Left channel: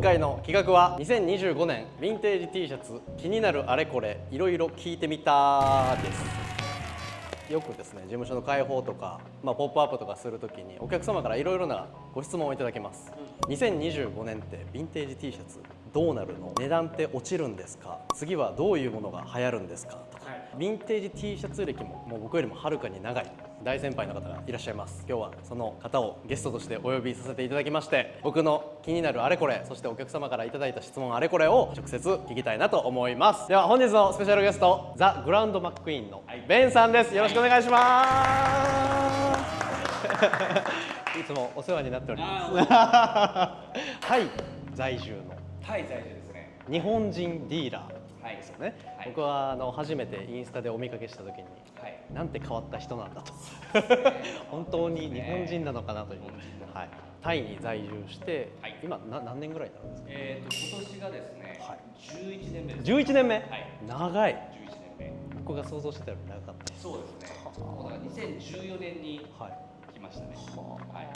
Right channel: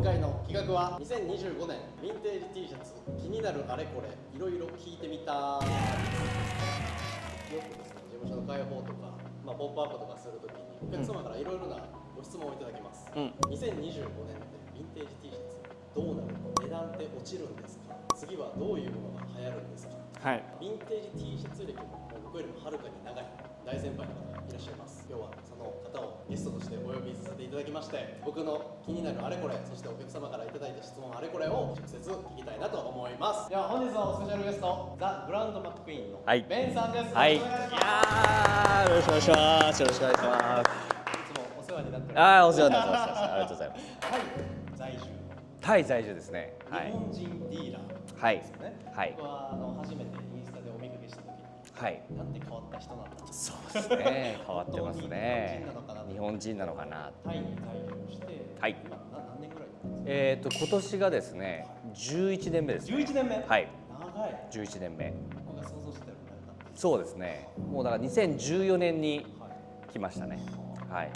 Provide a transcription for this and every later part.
今回の企画は2025年ヴィンテージ T シャツ気になるあれこれいろいろ聞いてみたです。よくですね事務所の開放とか、ポップアップとかするときにお客様からいろいろなご質問をいただけます、2025年ってヴィンテージ T シャツどうなるの、値段って落ちるんですか、次はどういうものが流行るんですか、ヴィンテージ T シャツ歴もう僕よりもはるかに長い大先輩の方がいらっしゃいます。今日はその方をゲストとしてお呼びさせていただきまして、僕の気になるあれこれ、そしてお客様からいただいた質問あれこれを直接聞きたいなと思います。では本日のスペシャルゲスト、ザ・グランドマックイーンのベンさんです。よろしくお願いします。よろしくお願いします。よろしくお願いします。いつもお世話になっております。お世話になってます。ありがとうございます。タイ在住のタイ在住ですね。日本人ディーラーですよね。はい僕は初めてインスタでお見かけした時に、なんて変わった人なんだと。そうですね。本当に日本人なのかなと。日本人なのかな。タイに在住して、今何年ぐらいなんですか。今年がですね、11年目です。11年目。はい。長い。11年目。僕が想像してたより長かった。そうですね。もうだから2014年に来ましたね。はい。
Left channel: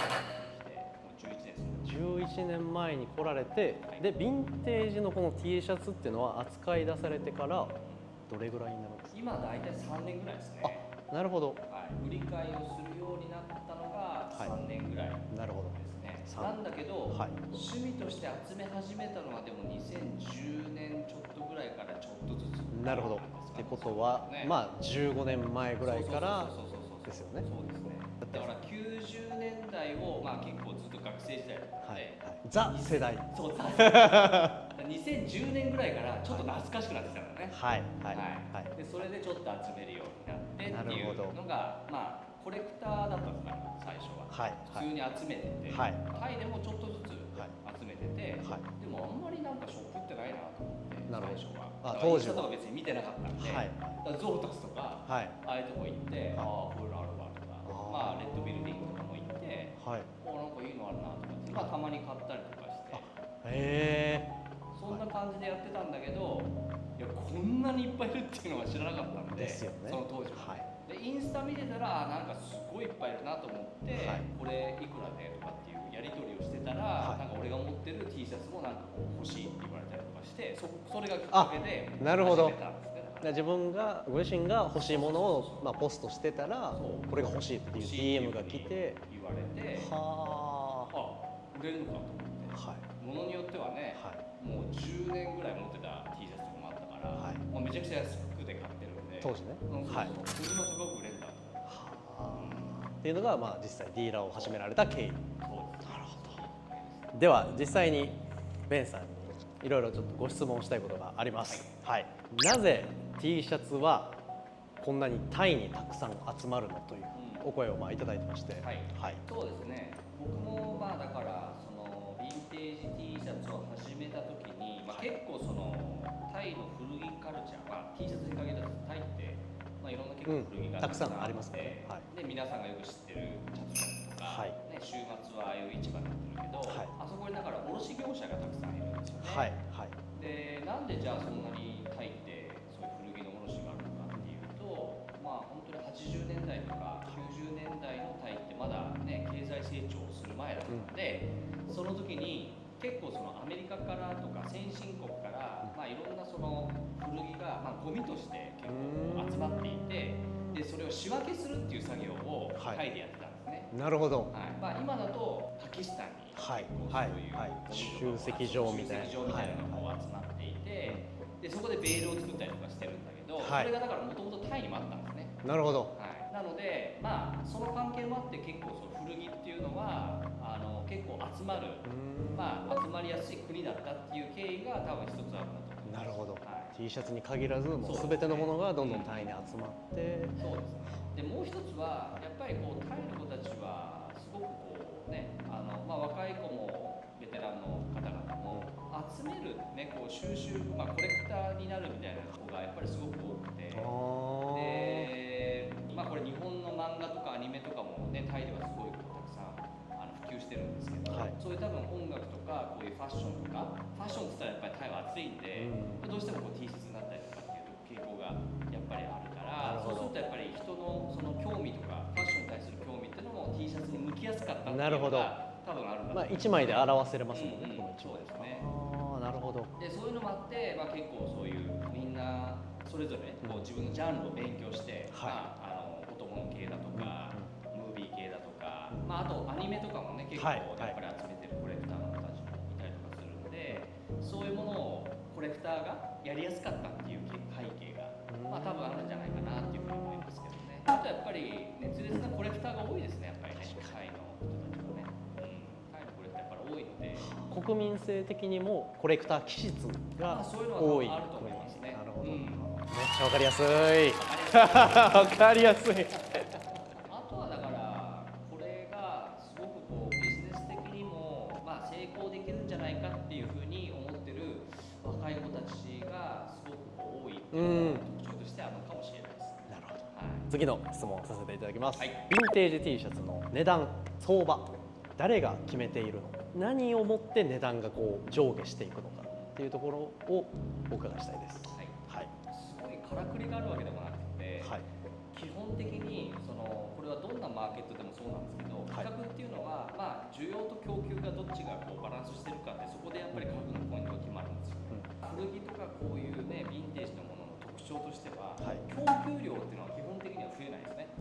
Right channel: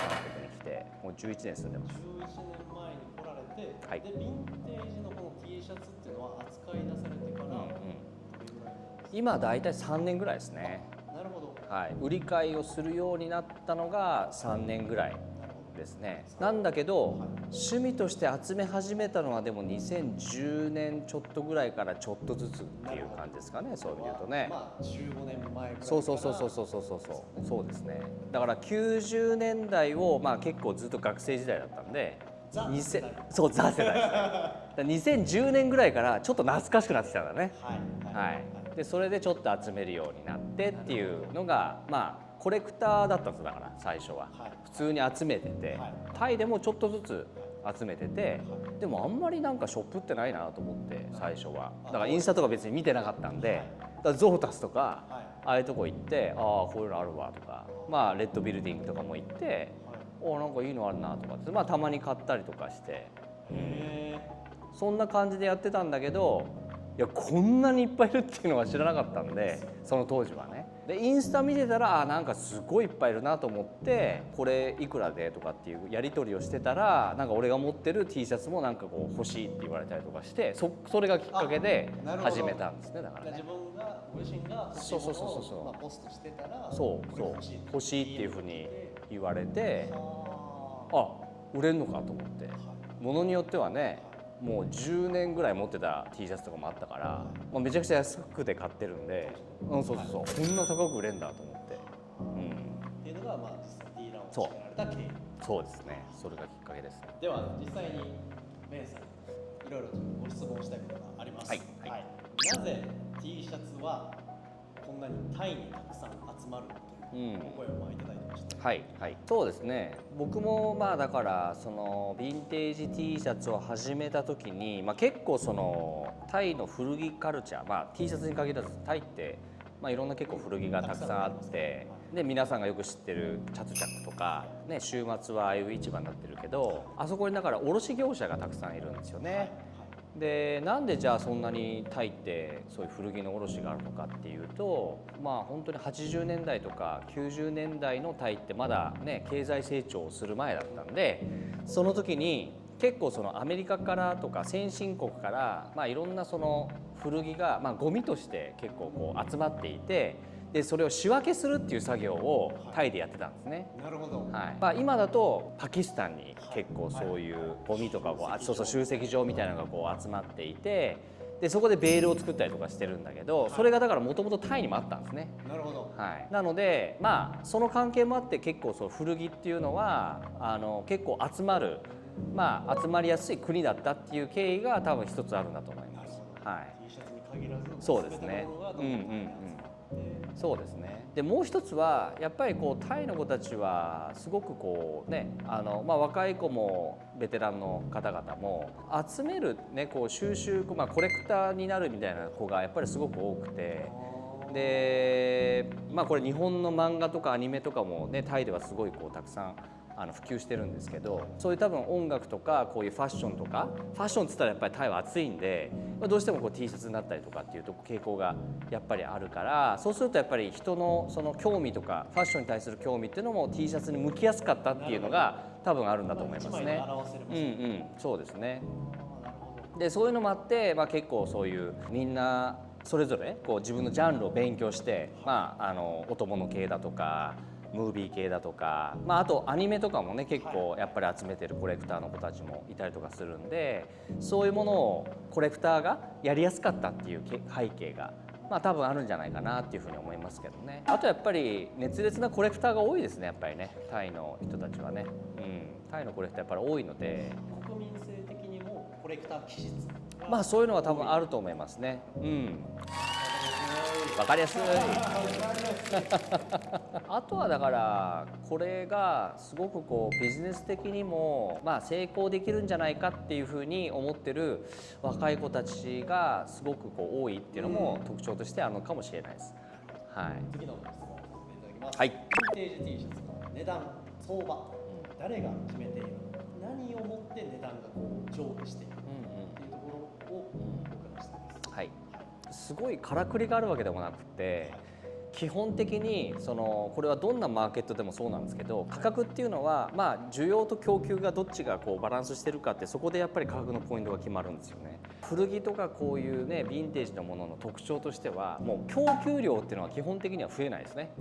もう11年住んでます。11年前に来られて、でヴィンテージのこの T シャツっていうのは扱い出されてからどれぐらいになるんですか。今だいたい3年ぐらいですね。なるほど。はい。売り買いをするようになったのが3年ぐらいですね。なんだけど、趣味として集め始めたのはでも2010年ちょっとぐらいからちょっとずつっていう感じですかね。そうは15年前ぐらいから。そうですね。だから90年代を結構ずっと学生時代だったんで、ザ世代。そうザ世代。2010年ぐらいからちょっと懐かしくなってきたんだね。でそれでちょっと集めるようになってっていうのがコレクターだったんです。だから最初は普通に集めてて、タイでもちょっとずつ集めてて、でもあんまりなんかショップってないなと思って最初は。だからインスタとか別に見てなかったんで、ゾータスとかああいうとこ行ってこういうのあるわとか、レッドビルディングとかも行ってなんかいいのあるなとかってたまに買ったりとかして、そんな感じでやってたんだけど、いやこんなにいっぱいいるっていうのは知らなかったんで、その当時はね。でインスタ見てたらなんかすごいいっぱいいるなと思って、これいくらでとかっていうやり取りをしてたら、なんか俺が持ってる T シャツもなんかこう欲しいって言われたりとかして、それがきっかけで始めたんですね。だから自分がご自身が欲しいものをポストしてたら、これが欲しいっていうふうに言われて、売れるのかと思って、ものによってはね、もう10年ぐらい持ってた T シャツとかもあったから、めちゃくちゃ安くて買ってるんで、当時ね。こんな高く売れるんだと思って、っていうのが実際ディーラーを始められた経緯。そうですね。それがきっかけです。では実際にベンさんにいろいろちょっとご質問したいことがあります。なぜ T シャツはこんなにタイにたくさん集まるのというお声をいただいてまして。そうですね。僕もだからそのヴィンテージ T シャツを始めた時に、結構そのタイの古着カルチャー、T シャツに限らずタイっていろんな結構古着がたくさんあって、で皆さんがよく知ってるチャツチャクとか、週末はああいう市場になってるけど、あそこにだから卸業者がたくさんいるんですよね。でなんでじゃあそんなにタイってそういう古着の卸があるのかっていうと、本当に80年代とか90年代のタイってまだね経済成長する前だったんで、その時に結構そのアメリカからとか先進国からいろんなその古着がゴミとして結構こう集まっていて、でそれを仕分けするっていう作業をタイでやってたんですね。なるほど。今だとパキスタンに結構そういうゴミとかも集積場みたいなのがこう集まっていて、でそこでベールを作ったりとかしてるんだけど、それがだからもともとタイにもあったんですね。なるほど。なのでその関係もあって結構そう古着っていうのは結構集まりやすい国だったっていう経緯が多分一つあるんだと思います。なるほど。T シャツに限らず全てのものがどんどんタイに集まって。そうですね。でもう一つはやっぱりこうタイの子たちはすごくこうね若い子もベテランの方々も集めるねこう収集コレクターになるみたいな子がやっぱりすごく多くて、でこれ日本の漫画とかアニメとかもねタイではすごいこうたくさん普及してるんですけど、そういう多分音楽とかこういうファッションとか、ファッションっつったらやっぱりタイは暑いんで、どうしてもこう T シャツになったりとかっていうと傾向がやっぱりあるから、そうするとやっぱり人のその興味とかファッションに対する興味っていうのも T シャツに向きやすかったっていうのが多分あるんだと思いますね。1枚で表せれますもんね。うんうん、そうですね。なるほど。でそういうのもあって、結構そういうみんなそれぞれこう自分のジャンルを勉強して、音物系だとかムービー系だとか、あとアニメとかもね結構やっぱり集めてるコレクターの子たちもいたりとかするんで、そういうものをコレクターがやりやすかったっていう背景が多分あるんじゃないかなっていうふうに思いますけどね。あとやっぱり熱烈なコレクターが多いですね、やっぱりね、タイの人たちはね。タイのコレクターやっぱり多いので、国民性的にもコレクター気質がそういうのは多分あると思いますね。わかりやすい。わかりやすい。わかりやすい。あとはだからこれがすごくこうビジネス的にも成功できるんじゃないかっていうふうに思ってる若い子たちがすごくこう多いっていうのも特徴としてあるのかもしれないです。次の質問をさせていただきます。はい、ヴィンテージ T シャツの値段相場、誰が決めているのか、何をもって値段がこう上下していくのかっていうところをお伺いしたいです。すごいからくりがあるわけでもなくて、基本的にこれはどんなマーケットでもそうなんですけど、価格っていうのは需要と供給がどっちがこうバランスしてるかって、そこでやっぱり価格のポイントが決まるんですよね。古着とかこういうねヴィンテージのものの特徴としては、もう供給量っていうのは基本的には増えないですね。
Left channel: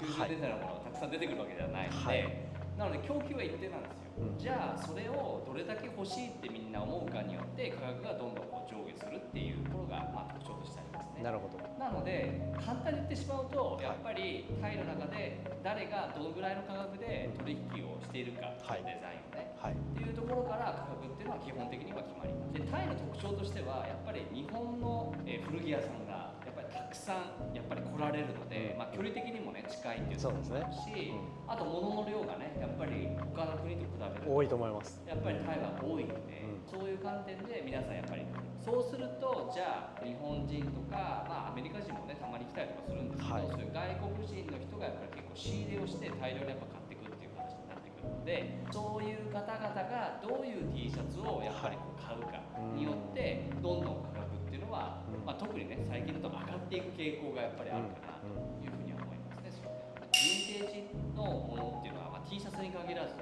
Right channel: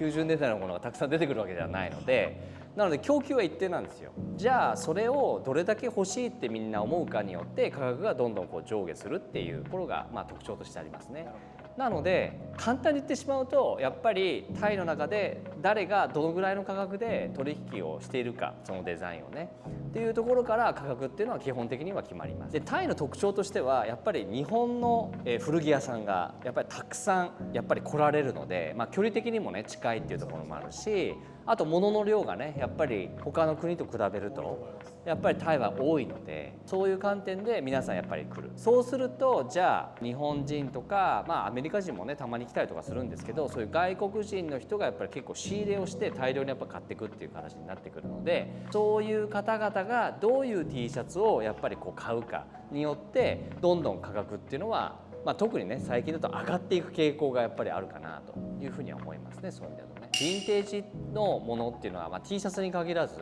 90年代のものがたくさん出てくるわけではないので、なので供給は一定なんですよ。じゃあそれをどれだけ欲しいってみんな思うかによって価格がどんどんこう上下するっていうところが特徴としてありますね。なるほど。なので簡単に言ってしまうと、やっぱりタイの中で誰がどのぐらいの価格で取引をしているか、そのデザインをね、っていうところから価格っていうのは基本的には決まります。でタイの特徴としてはやっぱり日本の古着屋さんがやっぱりたくさんやっぱり来られるので、距離的にもね近いっていうところもあるし、あと物の量がねやっぱり他の国と比べると多いと思います。やっぱりタイは多いので、そういう観点で皆さんやっぱり来る。そうするとじゃあ日本人とか、アメリカ人もねたまに来たりとかするんですけど、そういう外国人の人がやっぱり結構仕入れをして大量にやっぱ買っていくっていう話になってくるので、そういう方々がどういう T シャツをやっぱりこう買うかによってどんどん価格っていうのは、特にね最近だと上がっていく傾向がやっぱりあるかなというふうには思いますね。そういう意味だとね、ヴィンテージのものっていうのは、T シャツに限らず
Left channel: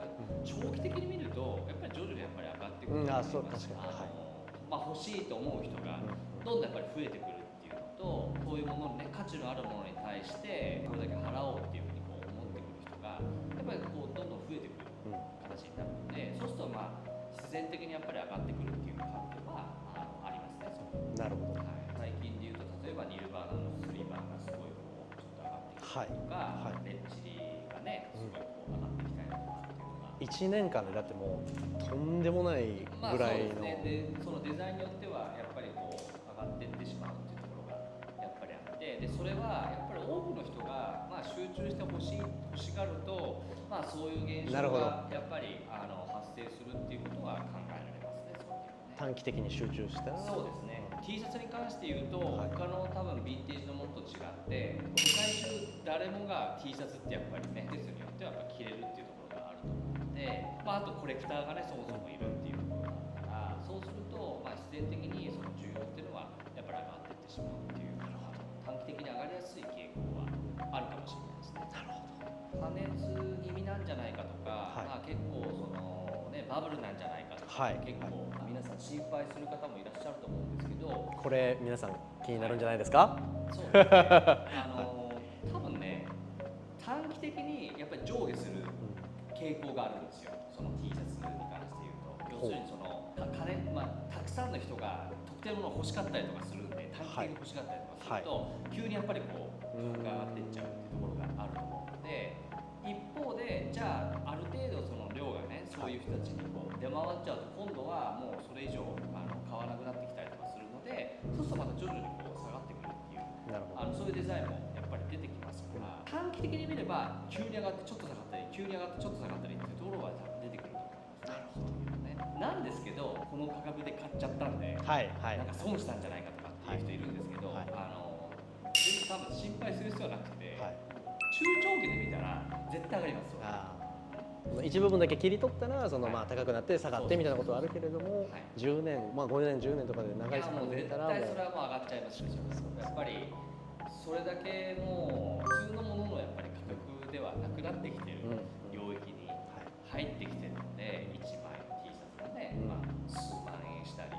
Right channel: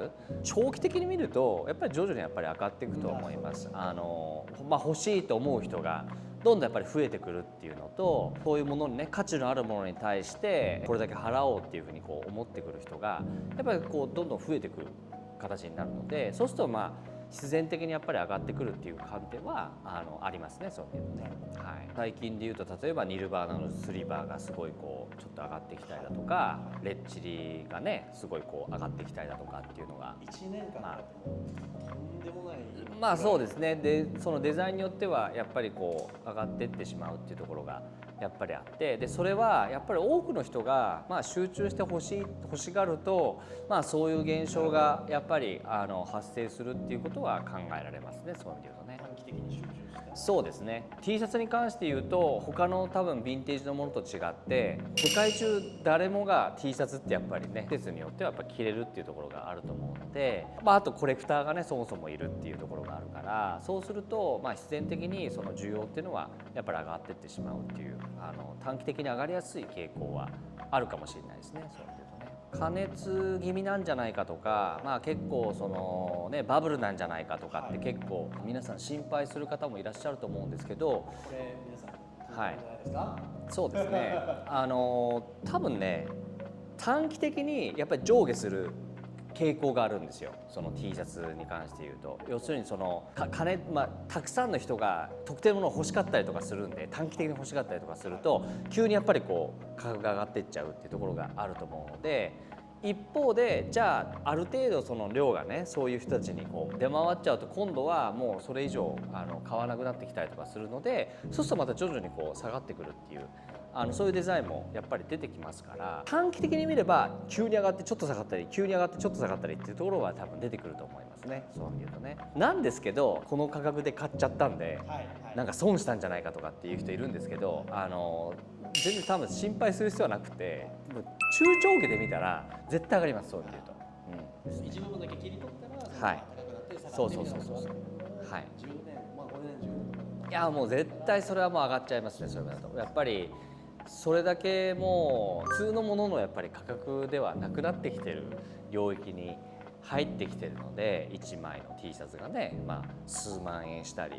長期的に見るとやっぱり徐々にやっぱり上がっていくと思います。欲しいと思う人がどんどんやっぱり増えてくるっていうのと、そういうものにね価値のあるものに対してこれだけ払おうっていうふうにこう思ってくる人がやっぱりこうどんどん増えてくる形になるので、そうすると必然的にやっぱり上がってくるっていう観点はありますね。そういうなるほど。最近でいうと例えばニルバーナのスリーバーがすごいこうちょっと上がってきたりだとか、レッチリがねすごいこう上がってきたりだとかっていうのが1年間だってもうとんでもないぐらい。そうですね。でそのデザインによってはやっぱりこう上がっていってしまうっていうところがやっぱりあって、でそれはやっぱり多くの人が集中して欲しがると、そういう現象がやっぱり発生するっていうことは考えられますね。そういうとね、短期的に集中して。そうですね。 T シャツに関して言うと他の多分ヴィンテージのものと違って世界中誰もが T シャツってやっぱりね季節によってはやっぱ着れるっていうところがあると思うので、あとコレクターがねそもそもいるっていうところがあるから、そうすると必然的にその需要っていうのはやっぱり上がっていってしまうっていう短期的に上がりやすい傾向はあるかもしれないですね。過熱気味なんじゃないかとか、結構そのねバブルなんじゃないかとかって結構皆さん心配する方もいらっしゃると思うんですけど、これ皆さん気になるんじゃないですか？そうですね。多分ね短期的にやっぱり上下する傾向があるんですよ。その T シャツに関して言うと、要するにそのたくさんの人が特定のものを欲しかったりとかするんで、短期的に欲しかったりとかすると、急にやっぱりこう価格が上がっていっちゃうっていうところがあると思うので、一方でじゃあある程度その量がねそういう人たちにこう出回っちゃうと、今度はもうそれ以上買わなくなってきたりとかするので、そうするとまた徐々にこう下がってくるっていうそういうデザインもやっぱり出てきますから、短期的に見れば急に上がってちょっと下がったり、急に上がってちょっと下がったりっていうところは多分出てくると思いますね。そう見るとね。なんですけどこの価格で買っちゃったんで、なんか損したんじゃないかとかっていう人いるんですけど、全然多分心配する必要はなくて、中長期で見たら絶対上がります。そういうと一部分だけ切り取ったらその高くなって下がってみたいなことはあるけれども、10年5年10年とかで長い、いやもう絶対それはもう上がっちゃいますね。それだとやっぱりそれだけもう普通のもののやっぱり価格ではなくなってきてる領域に入ってきてるので、1枚の T シャツがね、まあ、数万円したり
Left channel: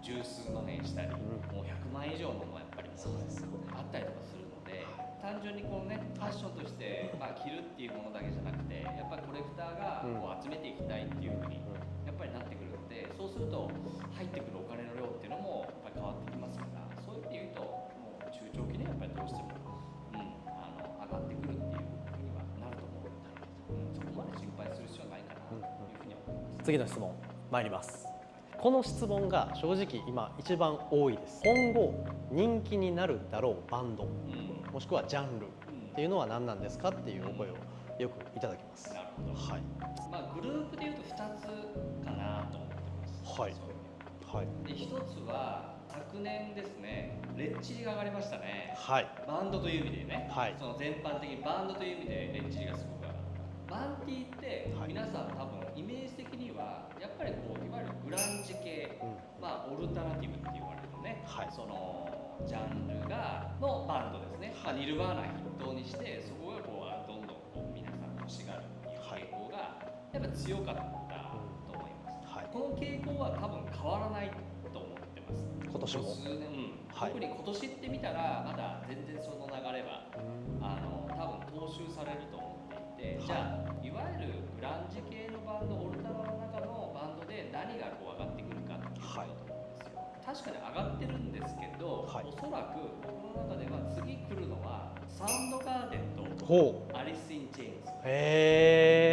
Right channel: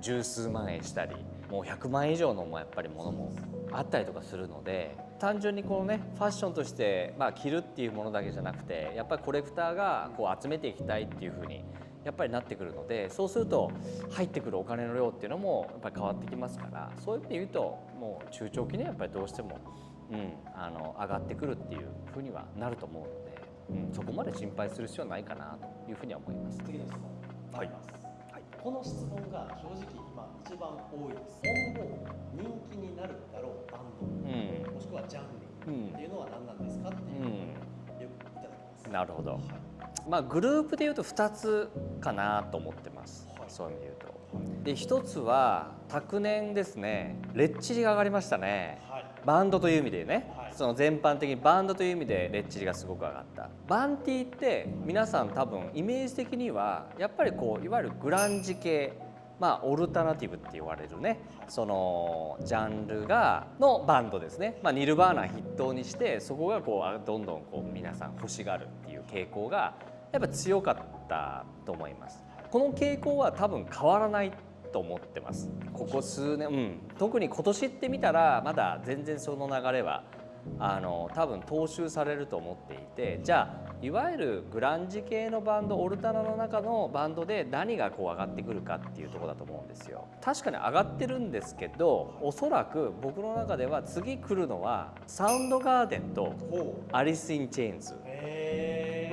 十数万円したり、もう100万円以上のやっぱりものもあったりとかするので、単純にこのねファッションとして、まあ、着るっていうものだけじゃなくて、やっぱりコレクターがこう集めていきたいっていう風にやっぱりなってくるので、そうすると入ってくるお金の量っていうのもやっぱり変わってきますから、そういう意味で言うともう中長期にやっぱりどうしても、上がってくるっていう風にはなると思うので、そこまで心配する必要はないかなというふうには思います。次の質問参ります。この質問が正直今一番多いです。今後人気になるだろうバンド、もしくはジャンルっていうのは何なんですかっていう声をよくいただきます。なるほど、はい。まあグループでいうと2つかなと思ってます、はい、そういう意味で言うと、はい、で1つは昨年ですね、レッチリが上がりましたね、はい、バンドという意味でね、はい、その全般的にバンドという意味でレッチリがすごく上がった。バンティって皆さん多分イメージ的にはやっぱりこういわゆるグランジ系、まあオルタナティブって言われるね、はい、そのジャンルのバンドですね、まあ、ニルバーナ筆頭にしてそこがこうどんどんこう皆さん欲しがるっていう傾向がやっぱ強かったと思います、はい、この傾向は多分変わらないと思ってます。ここ数年、特に今年って見たらまだ全然その流れは多分踏襲されると思っていて、じゃあいわゆるグランジ系のバンド、オルタナの中のバンドで何がこう上がってくるかっていうところだと思うんですよ。確かに上がってるんですけど、おそらく僕の中では次来るのはサウンドガーデンとアリス・イン・チェーンズ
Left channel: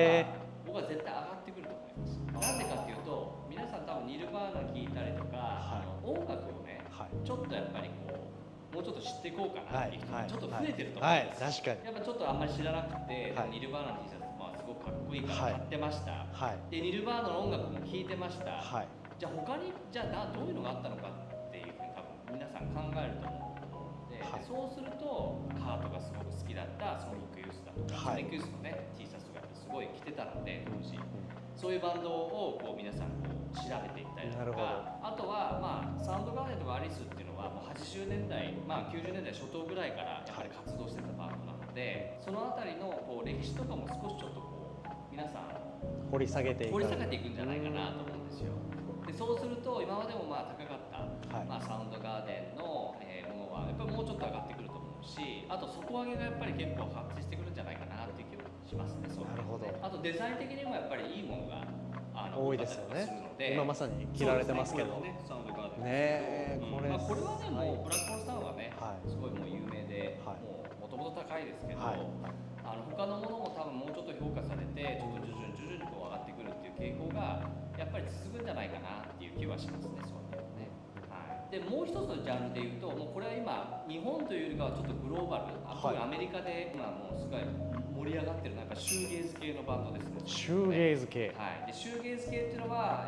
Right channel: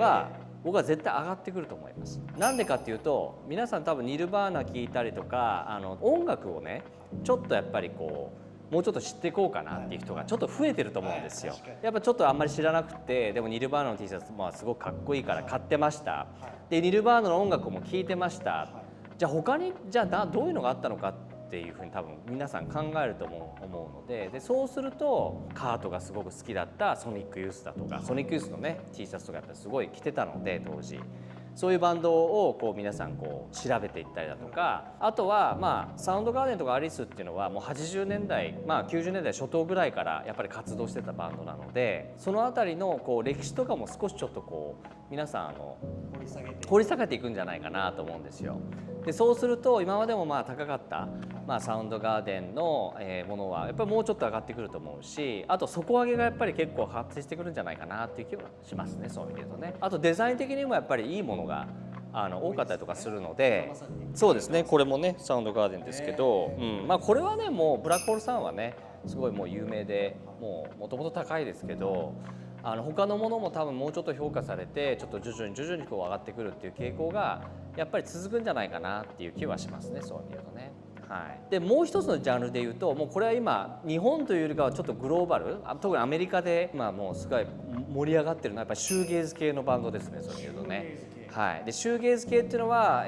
は僕は絶対上がってくると思います。なんでかっていうと、皆さん多分ニルバーナ聴いたりとか音楽をね、ちょっとやっぱりこうもうちょっと知っていこうかなっていう人がちょっと増えてると思うんですよ。やっぱちょっとあんまり知らなくて、でもニルバーナの T シャツ、まあ、すごくかっこいいから買ってました、でニルバーナの音楽も聴いてました、じゃあ他にどういうのがあったのかっていうふうに多分皆さん考えると思うので、そうするとカートがすごく好きだったソニックユースだとか、ソニックユースのね T シャツとかやっぱすごい着てたので当時。そういうバンドをこう皆さんこう調べていったりだとか、あとはまあサウンドガーデンとかアリスっていうのはもう80年代、まあ、90年代初頭ぐらいからやっぱり活動してたバンドなので、その辺りのこう歴史とかも少しちょっとこう皆さんを掘り下げていくんじゃないかなと思うんですよ。でそうすると今までもまあ高かった、まあ、サウンドガーデンのものはやっぱりもうちょっと上がってくると思うし、あと底上げがやっぱり結構発生してくるんじゃないかなっていう気もしますね。そういうとね。あとデザイン的にもやっぱりいいものが多かったりとかするので、そうですね。これもねサウンドガーデンですけど、まあこれはねもうブラックホールさんはねすごいもう有名で、もともと高いですけど。他のものも多分もうちょっと評価されて、ちょっと徐々にこう上がってくるっていう傾向がやっぱり続くんじゃないかなっていう気はしますね。そういうのね。はい、でもう一つのジャンルでいうと、もうこれは今日本というよりかはちょっとグローバル、特にアメリカで今もうすごい盛り上がってるのはやっぱりシューゲーズ系のバンドですね。シューゲーズ系、はい。でシューゲーズ系っていうのは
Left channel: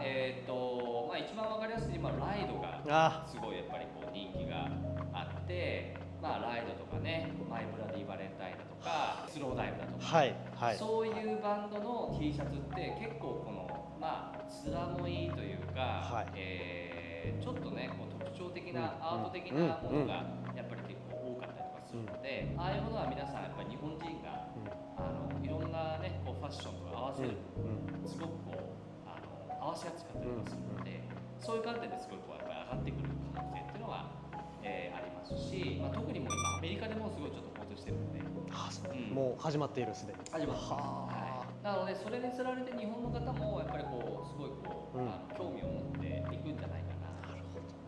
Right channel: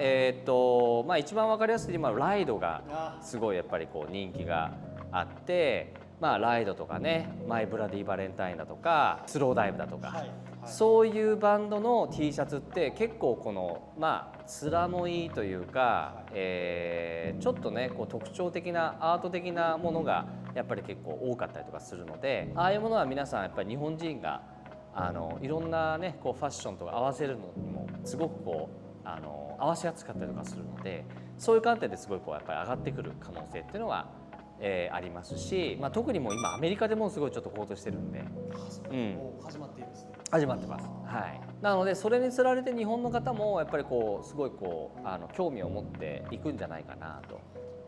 まあ一番わかりやすい今ライドがすごいやっぱりこう人気があって。まあ、ライドとかね、マイ・ブラディ・バレンタインだとかスローダイブだとか、そういうバンドの T シャツって結構このまあ面のいいというか、ちょっとねこう特徴的なアート的なものがやっぱり結構多かったりとかするので、ああいうものは皆さんやっぱり日本人がいろんなねこうファッションとか合わせるのもすごくこう合わせやすかったりとかするので、そういう観点ですごいこうやっぱり上がってくる可能性っていうのはありますし、まあ、特にもう今アメリカでもすごいちょっと高騰してるんで、もう始まっているすでに始まってます、はい、なのでそれにつられて日本の方もやっぱりこうすごいこう、興味を持っていくんじゃないかな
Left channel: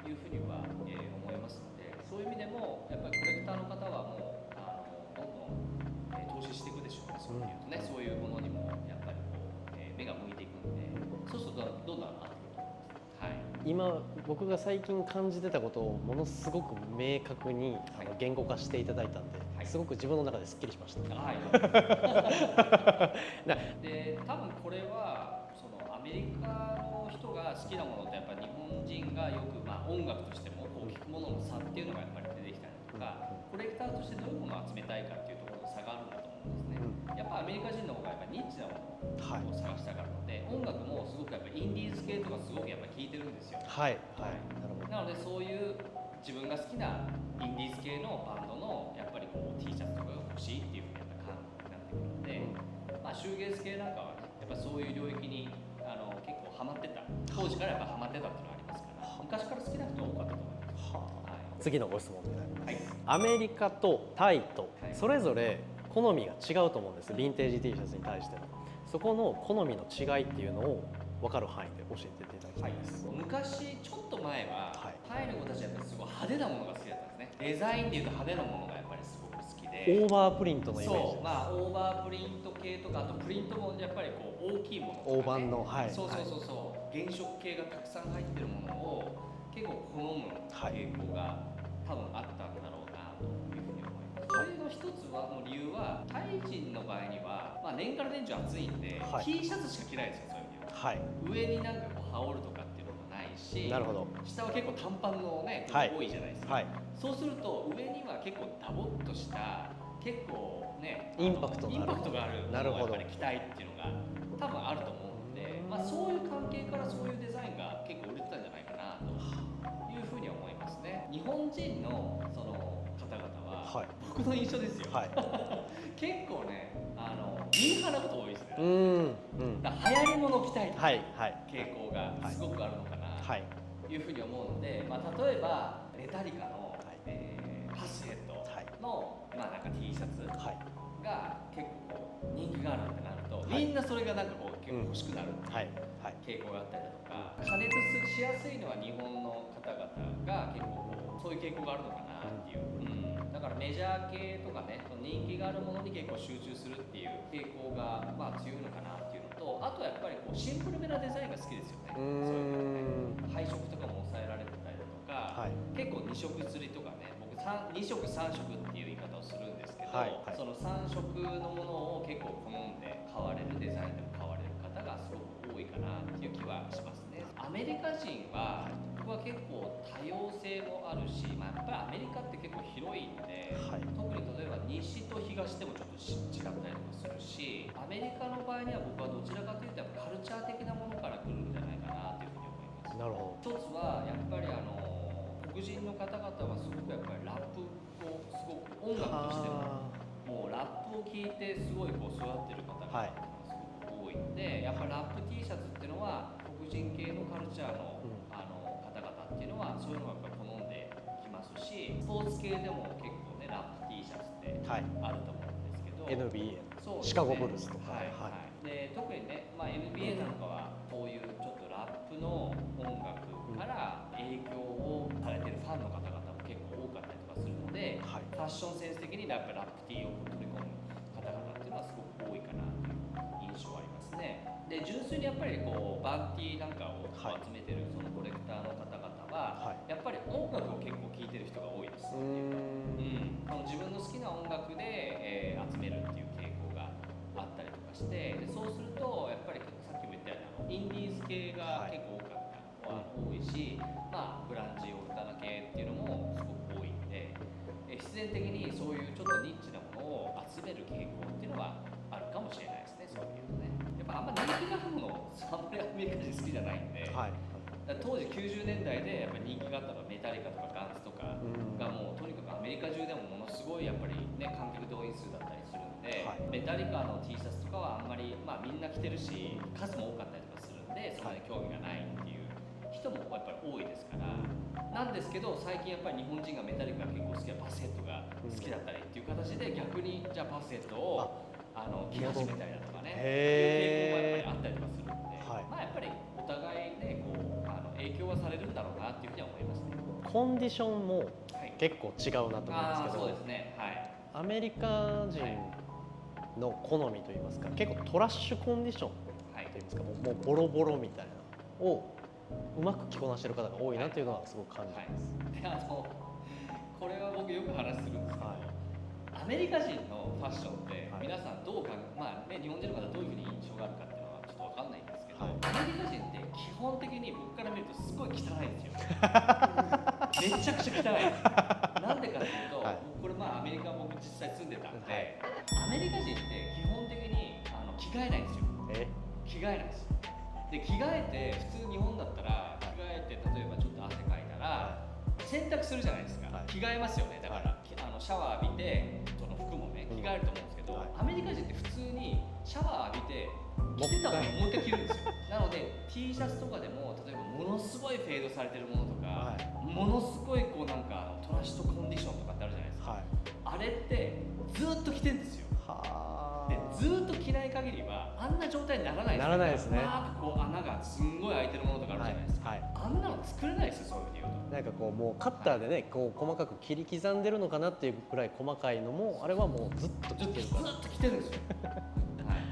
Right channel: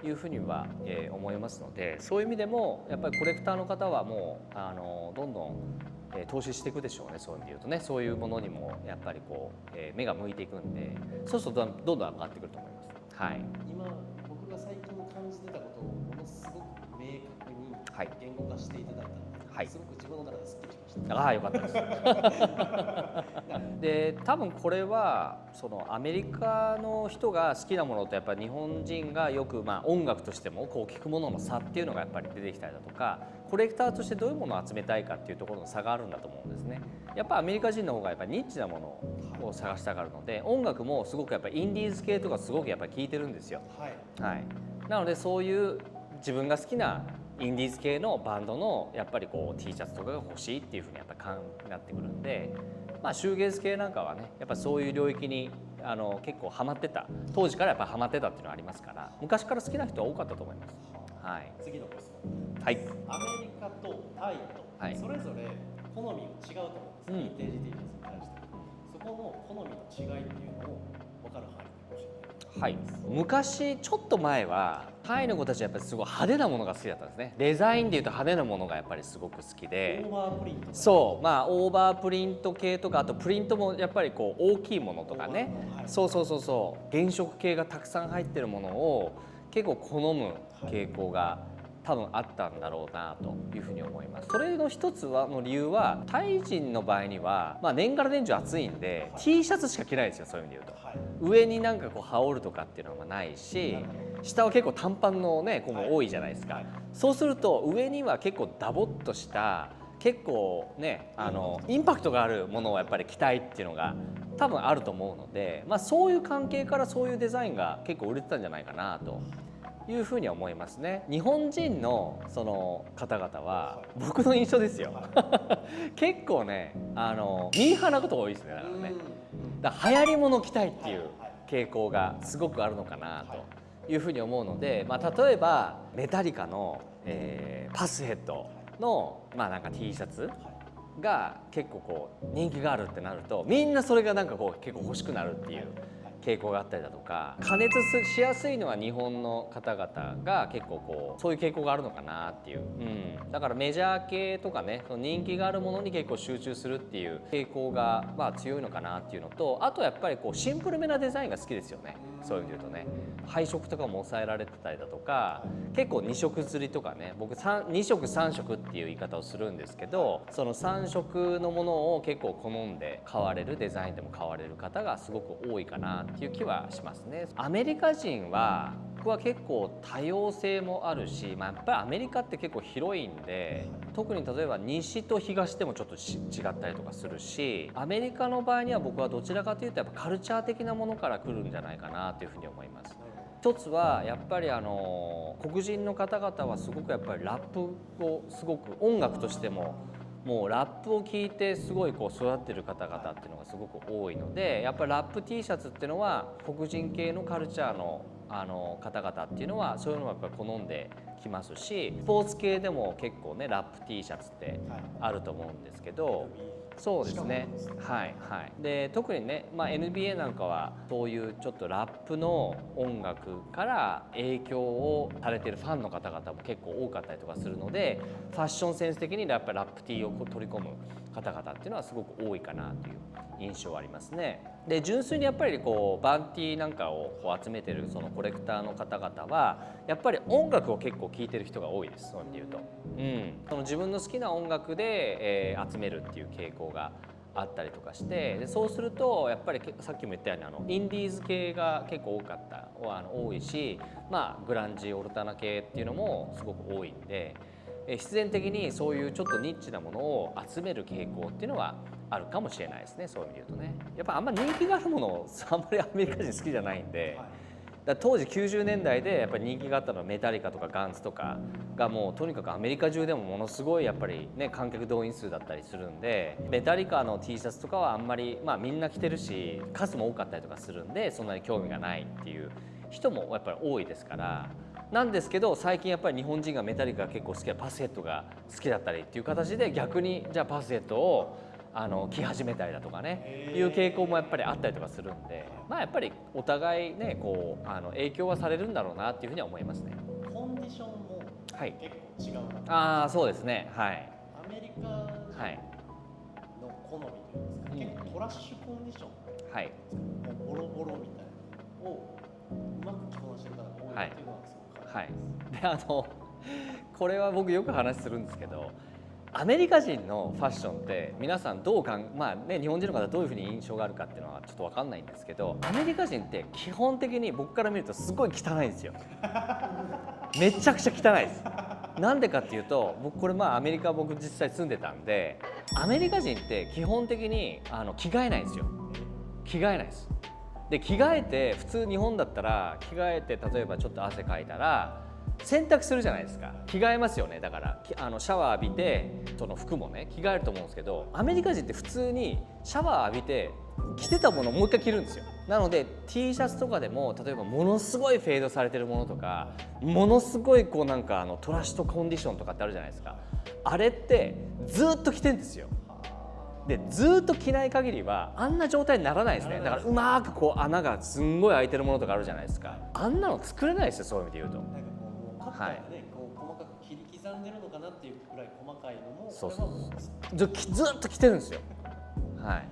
というふうには、思いますので、そういう意味でもやっぱりコレクターの方はもうどんどん投資していくでしょうね。そういうとね、そういうものにもやっぱりこう、目が向いていくんで、そうするとどんどん上がってくると思います。はい、今僕が最近感じてたことをものすごく明確に言語化していただいたんで、すごく自分の中ですっきりしました。ああ、よかったですで多分これはそのアメリカの人が好きなものとやっぱり日本人がよく、まあ、音楽としてもこう聴くものの差っていうのがやっぱり出てきたりだとか、コレクターとしてどういうものを集めたいかっていうところの差があるんだと思うんですね。やっぱアメリカ人の方がやっぱニッチなものを探したがるので、音楽もすごくやっぱインディーズ系とかすごくやっぱり聴いてるんですよ。はい、はい、なのでそういう自分が好きなインディーズ系のバンドのやっぱりこう T シャツとかが欲しいっていうふうにやっぱなってくるんで、まあ、シューゲーズ系なんかはねやっぱそういう領域に結構ハマってた、当時からやっぱハマってたっていうのはありますから、昔から好きな人は多かったと思います。はい、次のご質問でございます、はい、アメリカとタイとそれぞれ好みが違うと思うんです、ヴィンテージ T シャツに対しての。そこの好みの違いっていうのを分かる範囲で教えていただきたいです。昔ちょっと前は、タイの子たちはやっぱりすごい派手なものが好きだったんですね。デザインでいうと派手なものがやっぱりすごく好きで、オーバープリントのイメージ。そう、まあオーバープリント系とか、あとプリントもやっぱりこう大きいものとかね、そうそうそうそう、原色系がたくさん入ってるものを結構好む傾向が多分あったんだろうなというふうに思います。それの一つはの理由は、タイ人の場合には、まあ、年がら年中暑いんで、T シャツしか着ないんですよ、そういう意味で言うと。上になんかこう羽織るとかっていうのはないし、下は結構短パンのね子も多いじゃないですか。そうすると上には結構ダボっとした結構ねインパクトがあるものをやっぱり着たいっていうのが多分あると思うので、まあ、そういう関係からそういうデザインが結構売れてたんじゃないかなというふうに思いますね。日本人のその方々は、僕の印象ですよ、結構ねミーハーなことが多いですね。だから流行り物を着たいっていう傾向がすごくあるのかなというふうに思うので、まあ、例えばメタリカの、パスヘッドの、まあ、なんか T シャツが結構こう人気があるってなると、みんなそれがなんかこう結構欲しくなるっていう傾向があったりだとか、加熱しやすいのは日本の方々が結構こうそういう傾向があるのかなっていう、だからメジャー系とかね、その人気があるものに結構集中するっていう傾向がまあ強いのかなっていうのと、あとやっぱりこうシンプルめなデザインが好きですよね。そういう意味で言うとね、配色とかも抑えられてたりだとか、結構2色釣りとかね、僕2色3色っていう言い方をするんですけど、その3色のものを結構好んで買われる、デザインでも買われる方がすごく多いかなっていう気はしますね。アメリカ人は僕は結構多様性もあるし、まあ、やっぱりアメリカって結構広いんで、特に例えば西と東でもちょっと違ったりとかするし、アメリカの場合には僕はどちらかというとやっぱカルチャー的なものから来るんじゃないかなというふうに思います。一つはやっぱり黒人の方々はすごくやっぱりラップをすごく音楽としてももうラップを聴いてすごいこう育ってる方々っていうのがすごく多いので、やっぱりラップ T シャツっていうのは黒人系のカルチャーの方々っていうのはそういうのをやっぱり好んできますし、スポーツ系でも結構ねラップ T シャツってあると思うんですけど、NBA そうですね、シカゴブルース、で特にね、まあ、NBA なんかはそういうちょっとラップの音楽から影響をされているファンの方々も結構多かったりとかするので、ファッションセンス的にやっぱりラップ T を取り込む方々っていうのはすごく多いかなという印象はありますね。で純粋にやっぱりこうバンティーなんかをこう集めてるそのコレクターの方々はやっぱり音楽を結構聴いてる人が多いです。そういうと、その自分の好きな音楽で、集めるっていう傾向があったりとかして、でそうするとやっぱりさっきも言ったようにインディーズ系が結構多かった、多いし、まあグランジオルタナ系っていうのもすごく多いんで、必然的にそういうちょっとニッチなものを集める傾向っていうのはあるかもしれないですね。そういう意味で言うとね、やっぱあんま人気があるものをあんまりアメリカ人好きじゃないんで、だ当時90年代でやっぱり人気があったのはメタリカとかガンツとかがもうとにかくアメリカ中でもものすごいやっぱりね観客動員数だったりするんで、メタリカの T シャツとかはあんまりまあみんな着てるし数も多かったりとかするんで、そんなに興味がないっていう人もやっぱり多いですから。なんですけど最近やっぱり日本人がメタリカが結構好きなパスヘッドが好きだったりっていう形で、逆にじゃあパスヘッドを着始めたりだとかねいう傾向もやっぱりあったりとかするんで、まあやっぱりお互いねこう影響はされるんだろうなっていうふうには思いますね。コンディションも結構違うなと思います。ああそうですね、はい。アメリカ人の好みといいますか、結構トラッシュコンディションといいますか、もうボロボロみたいなをうまく着こなしてる方が多いなというのはすごく感じます。これは僕よく話するんですけど、アメリカ人のファッションって皆さんどうまあね日本人の方はどういうふうに印象があるかっていうのはちょっと分かんないんですけど、アメリカ人って基本的に僕から見るとすごい汚いんですよ。めちゃくちゃ汚いです。なんでかっていうと、僕これまあアメリカ僕実際住んでたんで、アメリカ人って基本的に着替えないんですよ。着替えないです。で着替えて普通日本だったら着替えて例えばちょっと汗かいたら洗濯するじゃないですか、着替えますよね。だからシャワー浴びてその服もね着替えると思うんですけど、アメリカ人って普通にシャワー浴びて着てたものをもう一回着るんですよ。なので T シャツとかでも例えばものすごいフェードされてるものとか、ものすごいこうなんかトラッシュとコンディションとかってあるじゃないですか、あれってずっと着てんですよ。でずっと着ない限りはあんな状態にならないですね。だからうまくこう穴がすんごい開いてるものとかあるじゃないですか、あんなの作れないですよ、そういう意味で言うと。なんかこうもうカッターでね、こう細かく切り刻んでるのかなっていうくらい細かいのも、それはもうずっと着てるんですよはい、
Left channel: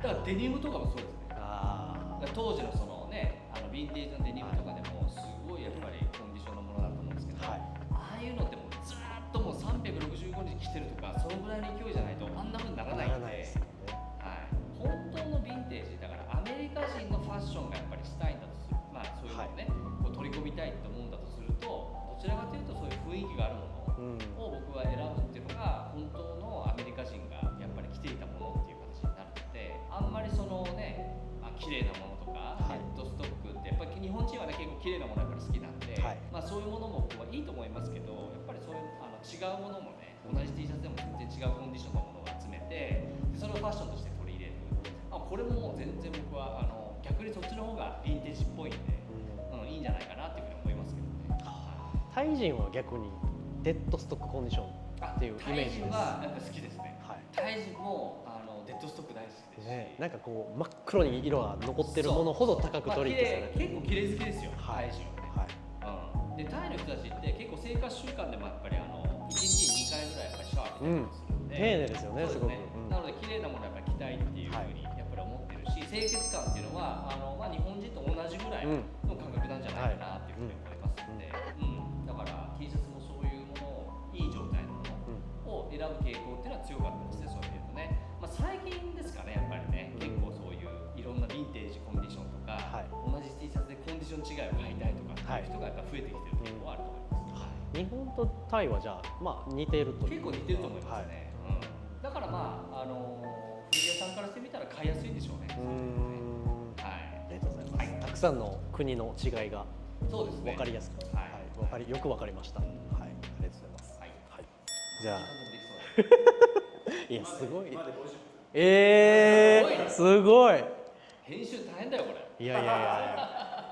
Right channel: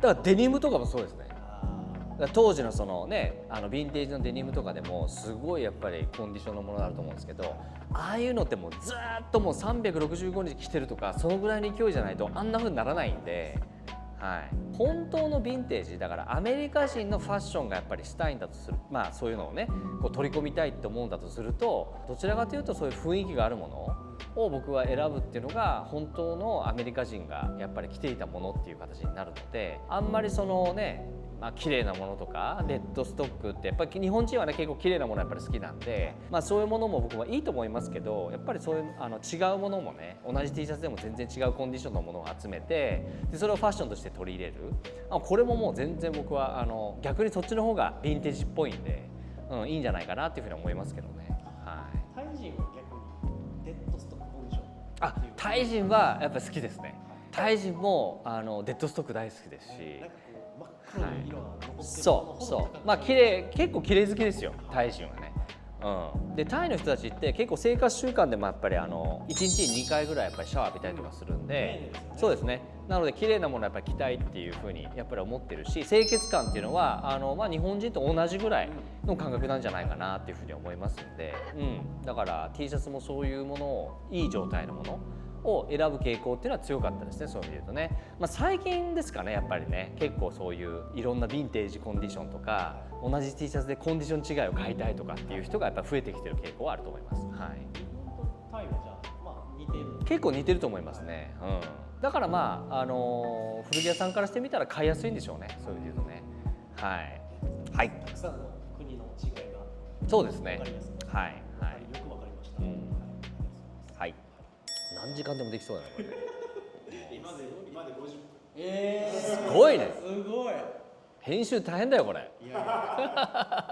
だからデニムとかもそうですね。だから当時のそのねヴィンテージのデニムとかでもすごいやっぱりコンディションのものだと思うんですけど、ああいうのってもうずっともう365日着てるとかそのぐらいの勢いじゃないとあんな風にならないんで、はい、本当のヴィンテージだからアメリカ人のファッションがやっぱりしたいんだとする、まあそういうのをねこう取り込みたいって思うんだとすると、どちらかというとそういう雰囲気があるものを僕は選ぶっていうのが本当のアメリカ人がやっぱり着ていたものっていう形になるので、あんまりそのね綺麗なものとかレッドストックってやっぱり日本人はね結構綺麗なものやっぱり好きなんで、まあそういうものも僕はいいと思いますけど、やっぱりそういう違うものもね同じ T シャツでも全然違うコンディションのものを集めて、でそれをファッションとして取り入れる、これももう全然僕は逆にそっちの方がヴィンテージっぽいんで、いいんじゃないかなっていうふうに思いますけどね。はい、タイ人は逆にデッドストックコンディションっていう、タイ人はやっぱり好きですね。タイ人もデッドストック大好きですし、なんかこう真っ黒に色が残ってるものほど高く取り綺麗、結構綺麗好きですよ、タイ人はね。でタイの人たちって結構生活習慣でもやっぱり1日に2回ぐらいやっぱりシャワー浴びたりとかするんで、そうですね。なので綺麗なものをやっぱり着たいっていうふうにやっぱり思ってるし、清潔感っていうのは日本人と同じぐらいの感覚なんじゃないかなっていうふうに思いますので、だから T シャツもそういうものをいい状態のものを選ぶ傾向っていうのは強かったですね、そういう意味で言うとね。最近ですかね、やっぱりね結構そういういろんなヴィンテージコンディションとか、同じ T シャツでコンディション違いを買いたいとかっていう人がやっぱ増えてきてる傾向はあると思います。日本とタイはじゃあ似ていると、結構似てると思いますね。だから古着屋さんからしてみたら買いやすいんでしょうね、そういう意味で言うとね。はい、たくさんの国の違いがそうですね、分かりやすく、よく分かりました。はい、ありがとうございます。何時間でもできそうだね。いやすごい。まで50分。すごいね。すごい。編集大変だよこれ。いや